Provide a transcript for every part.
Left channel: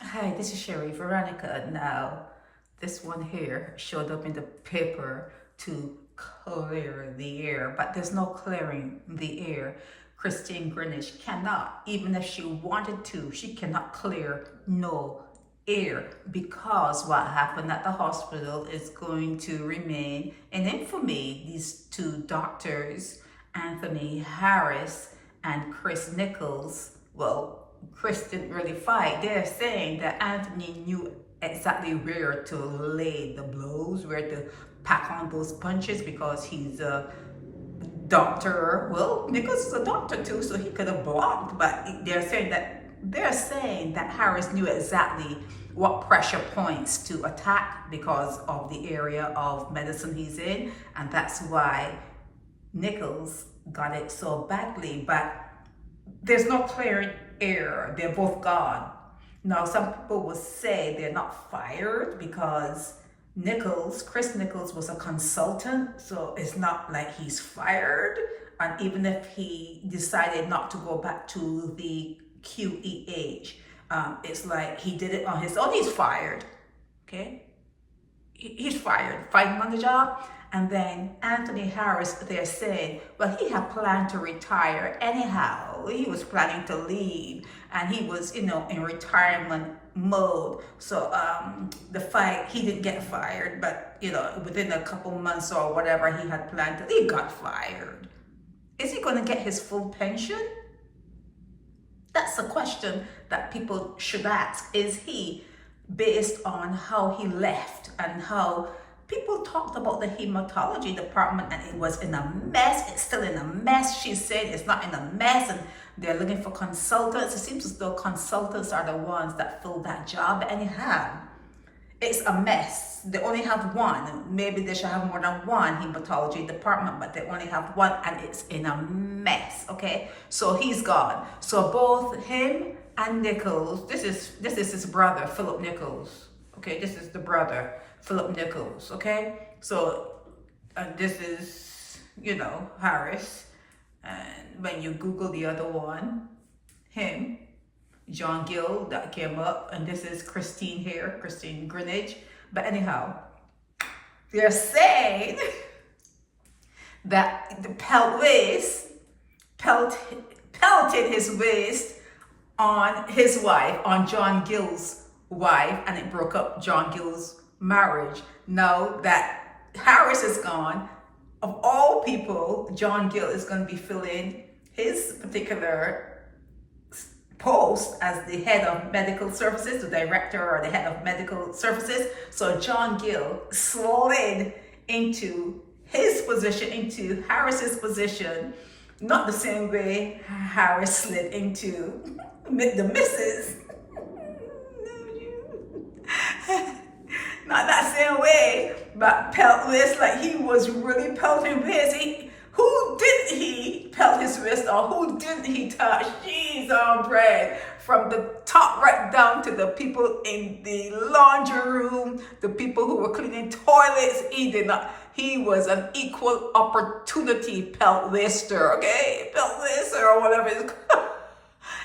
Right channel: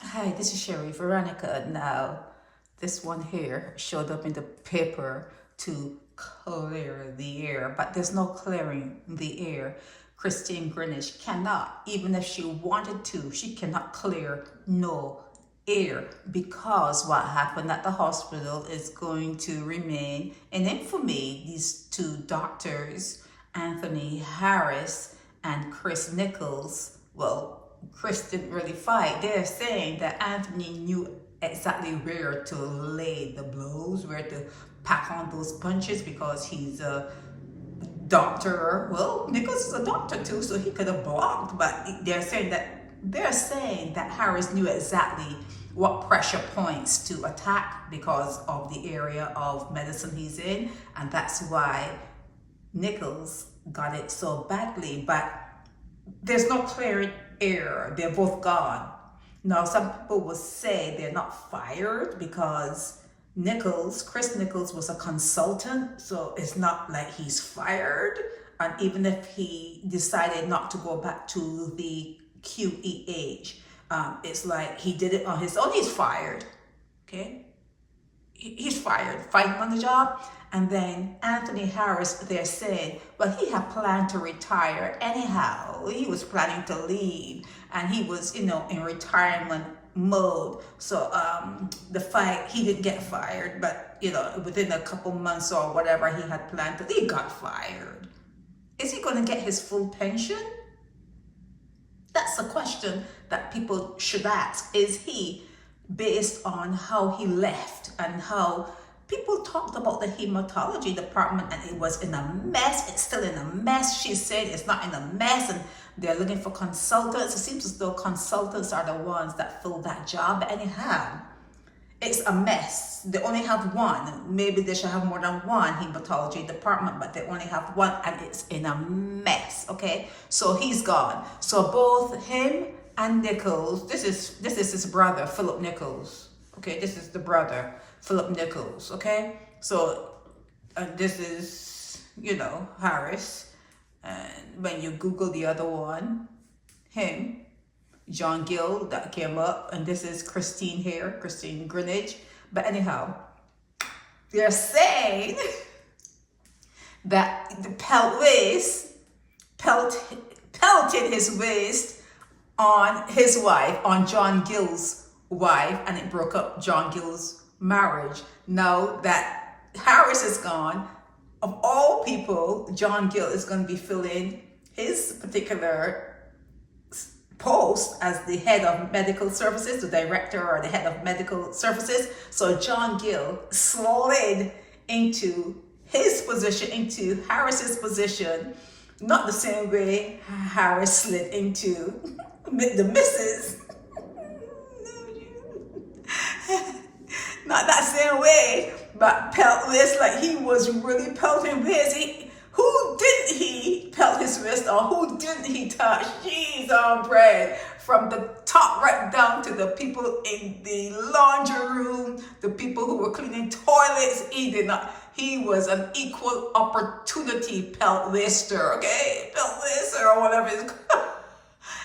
Hi, this is Sherry Veronica. Now, this one here showed up in the paper to clear the air, but there's no clearing the air. Christine Greenwich cannot, even if she wanted to, she cannot clear no air because what happened at the hospital is going to remain in infamy. These two doctors, Anthony Harris and Chris Nicholls, well, Chris didn't really fight. They're saying that Anthony knew exactly where to lay the blows, where to pack on those punches because he's a doctor. Well, Nichols is a doctor too, so he could have blocked. But they're saying that Harris knew exactly what pressure points to attack because of the area of medicine he's in, and that's why Nichols got it so badly. But there's no clear air. They're both gone. Now, some people will say they're not fired because Chris Nicholls was a consultant, so it's not like he's fired. And even if he decided not to go back to the QEH, it's like he did it on his own. He's fired. Okay, he's fired. Fired him on the job. And then Anthony Harris, they're saying, well, he had planned to retire anyhow. He was planning to leave, and he was, in retirement mode. So the fight, he didn't get fired, but within a couple months or whatever he had planned to, he got fired. Is he going to get his full pension? That's a question that people should ask. Is he, based on how he left and how people talked about the hematology department and it was in a mess. It's still in a mess. She's saying it's not in a mess and they're looking for consultants. It seems as though consultants are the ones that fill that job. Anyhow, it's a mess. They only have one. Maybe they should have more than one hematology department, but they only have one and it's in a mess, okay? So he's gone. So both him and Nicholls, this is his brother, Philip Nicholls, okay? This is the brother, Philip Nicholls, okay? So this is, Harris. And when you Google the other one, him, John Gill, that came up. And this is Christine here, Christine Greenwich. But anyhow, they're saying that the pelted his waist on his wife, on John Gill's wife, and it broke up John Gill's marriage. Now that Harris is gone, of all people, John Gill is going to be filling his particular post as the head of medical services, the director or the head of medical services. So John Gill slid into his position, into Harris's position, not the same way Harris slid into the missus. Not that same way, but pelt wrist, like he was really pelting wrist. Who didn't he pelt his wrist or who didn't he touch? Jeez on bread. From the top right down to the people in the laundry room, the people who were cleaning toilets, he did not. He was an equal opportunity pelt wrister, okay? Pelt wrister or whatever it's called.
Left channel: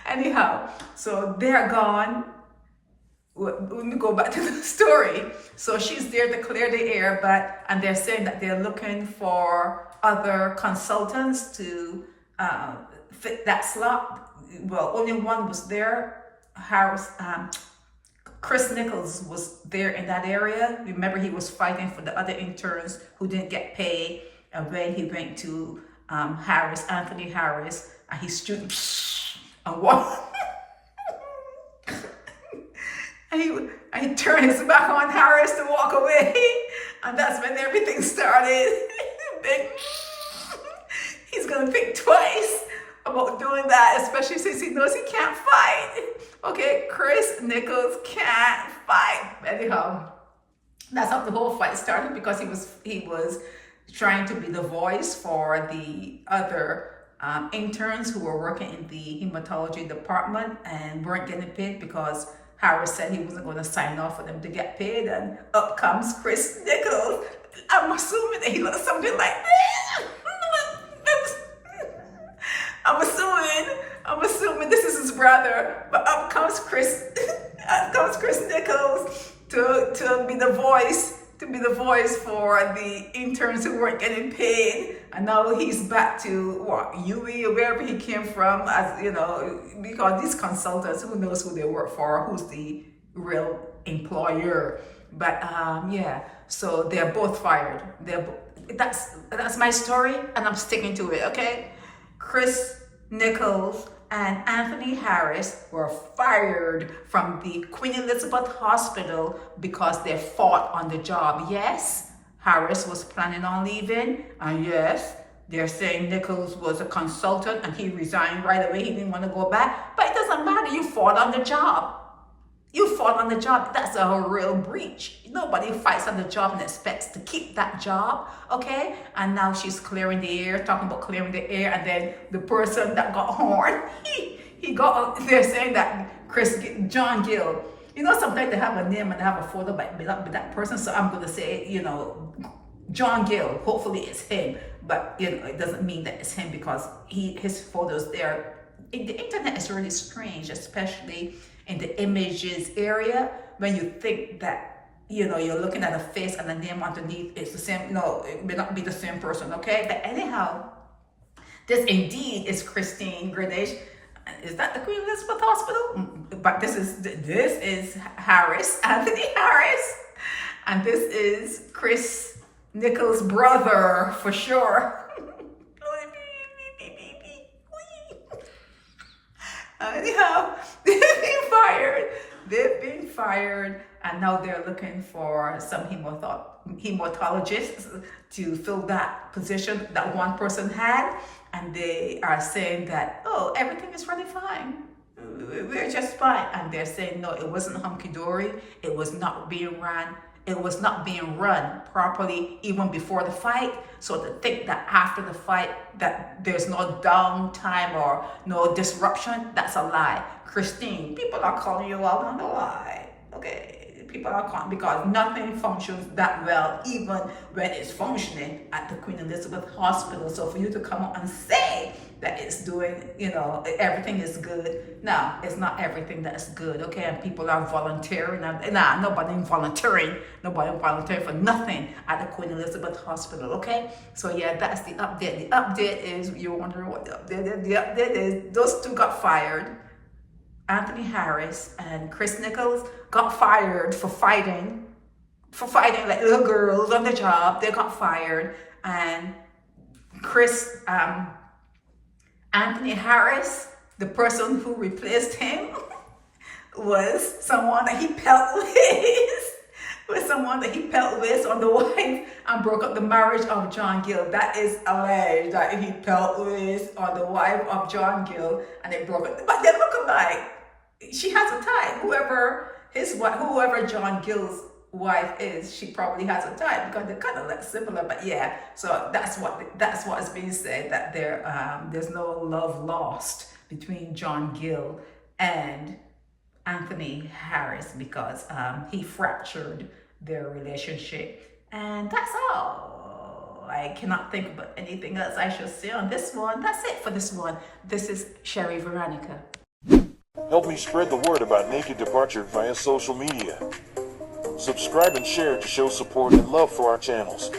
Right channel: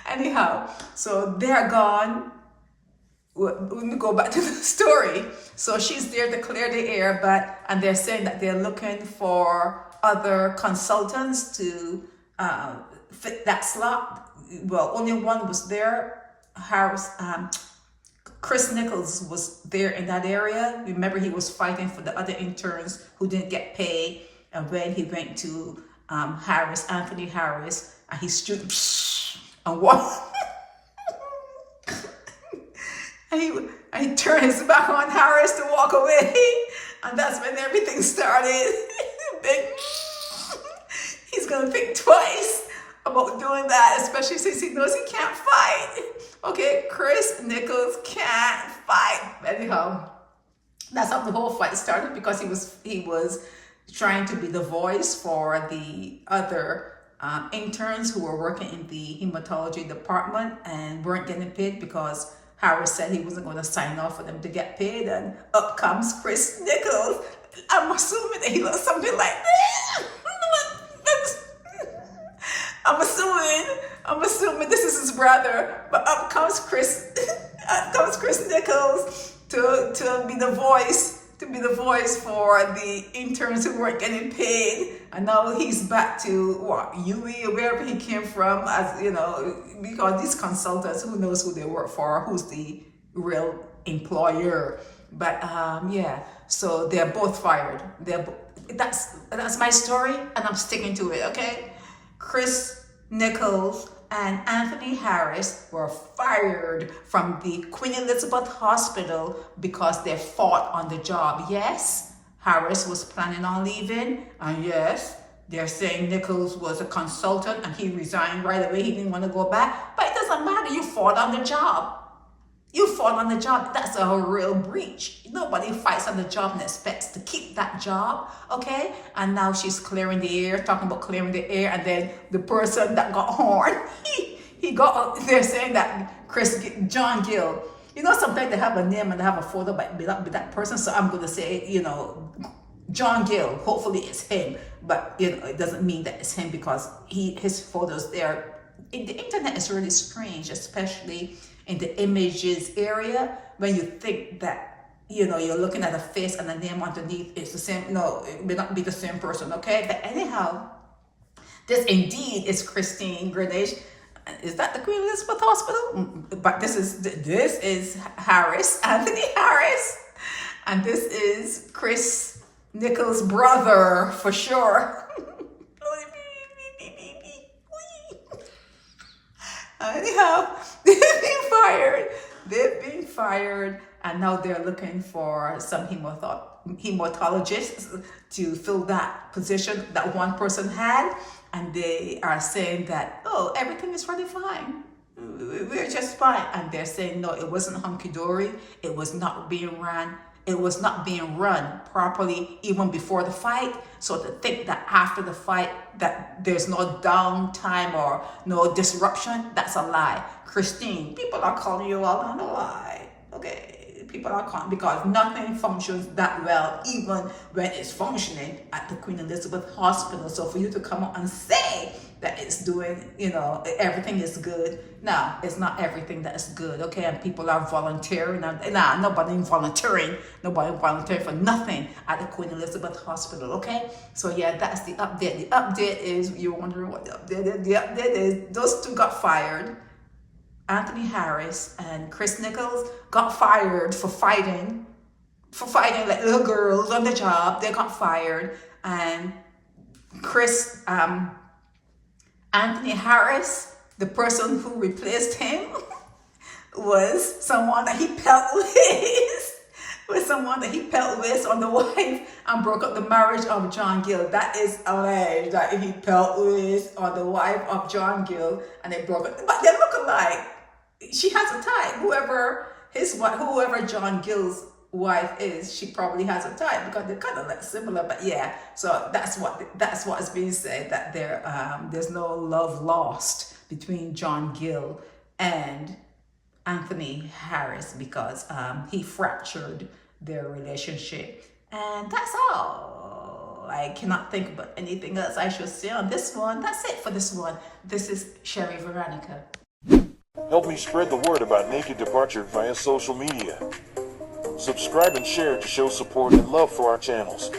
Anyhow, so they're gone. Let me go back to the story. So she's there to clear the air, and they're saying that they're looking for other consultants to fit that slot. Well, only one was there. Chris Nicholls was there in that area. Remember, he was fighting for the other interns who didn't get paid. And when he went to Anthony Harris, and he stood and walked. And he turned his back on Harris to walk away. And that's when everything started. He's going to think twice about doing that, especially since he knows he can't fight. Okay, Chris Nicholls can't fight. Anyhow, that's how the whole fight started, because he was trying to be the voice for the other interns who were working in the hematology department and weren't getting paid because Harris said he wasn't going to sign off for them to get paid, and up comes Chris Nicholls. I'm assuming that he looks something like this. I'm assuming this is his brother, but up comes Chris, up comes Chris Nicholls to be the voice. To be the voice for the interns who weren't getting paid, and now he's back to what, UE or wherever he came from, as you know, because these consultants, who knows who they work for, who's the real employer. But yeah, so they're both fired. That's my story, and I'm sticking to it. Okay, Chris Nicholls and Anthony Harris were fired from the Queen Elizabeth Hospital because they fought on the job. Yes, Harris was planning on leaving, and yes, they're saying Nicholls was a consultant and he resigned right away. He didn't want to go back, but it doesn't matter. You fought on the job. You fought on the job. That's a real breach. Nobody fights on the job and expects to keep that job, okay? And now she's clearing the air, talking about clearing the air, and then the person that got horned, they're saying that Jone Gill. You know, sometimes they have a name and they have a photo, but may not be that person. So I'm going to say, you know, Jone Gill. Hopefully it's him, but you know, it doesn't mean that it's him because his photos there. The internet is really strange, especially in the images area, when you think that, you know, you're looking at a face and the name underneath is the same. No, it may not be the same person, okay? But anyhow, this indeed is Christine Greenwich. Is that the Queen Elizabeth Hospital? But this is Harris, Anthony Harris, and this is Chris Nicholls' brother for sure. Anyhow, they've been fired, and now they're looking for some hematologists to fill that position that one person had, and they are saying that, oh, everything is really fine. We're just fine. And they're saying, no, it wasn't hunky-dory. It was not being run. It was not being run properly even before the fight. So to think that after the fight that there's no downtime or no disruption, that's a lie. Christine, people are calling you out on a lie. Okay, people are calling, because nothing functions that well even when it's functioning at the Queen Elizabeth Hospital. So for you to come up and say that it's doing, you know, everything is good. No, it's not everything that's good, okay? And people are volunteering. Nobody volunteering for nothing at the Queen Elizabeth Hospital, okay? So yeah, that's the update. The update is, you're wondering what the update is. The update is those two got fired. Anthony Harris and Chris Nicholls got fired for fighting like little girls on the job. They got fired. And Anthony Harris, the person who replaced him, was someone that he pelt with, on the wife, and broke up the marriage of Jone Gill. That is alleged, that he pelt with on the wife of Jone Gill, and they broke up. But they look alike. She has a type. Whoever Jone Gill's wife is, she probably has a type, because they kind of look similar. But yeah, so that's what is being said, that there's no love lost between Jone Gill and Anthony Harris, because he fractured their relationship. And that's all. I cannot think about anything else I should say on this one. That's it for this one. This is Sherry Veronica. Help me spread the word about Naked Departure via social media. Subscribe and share to show support and love for our channels.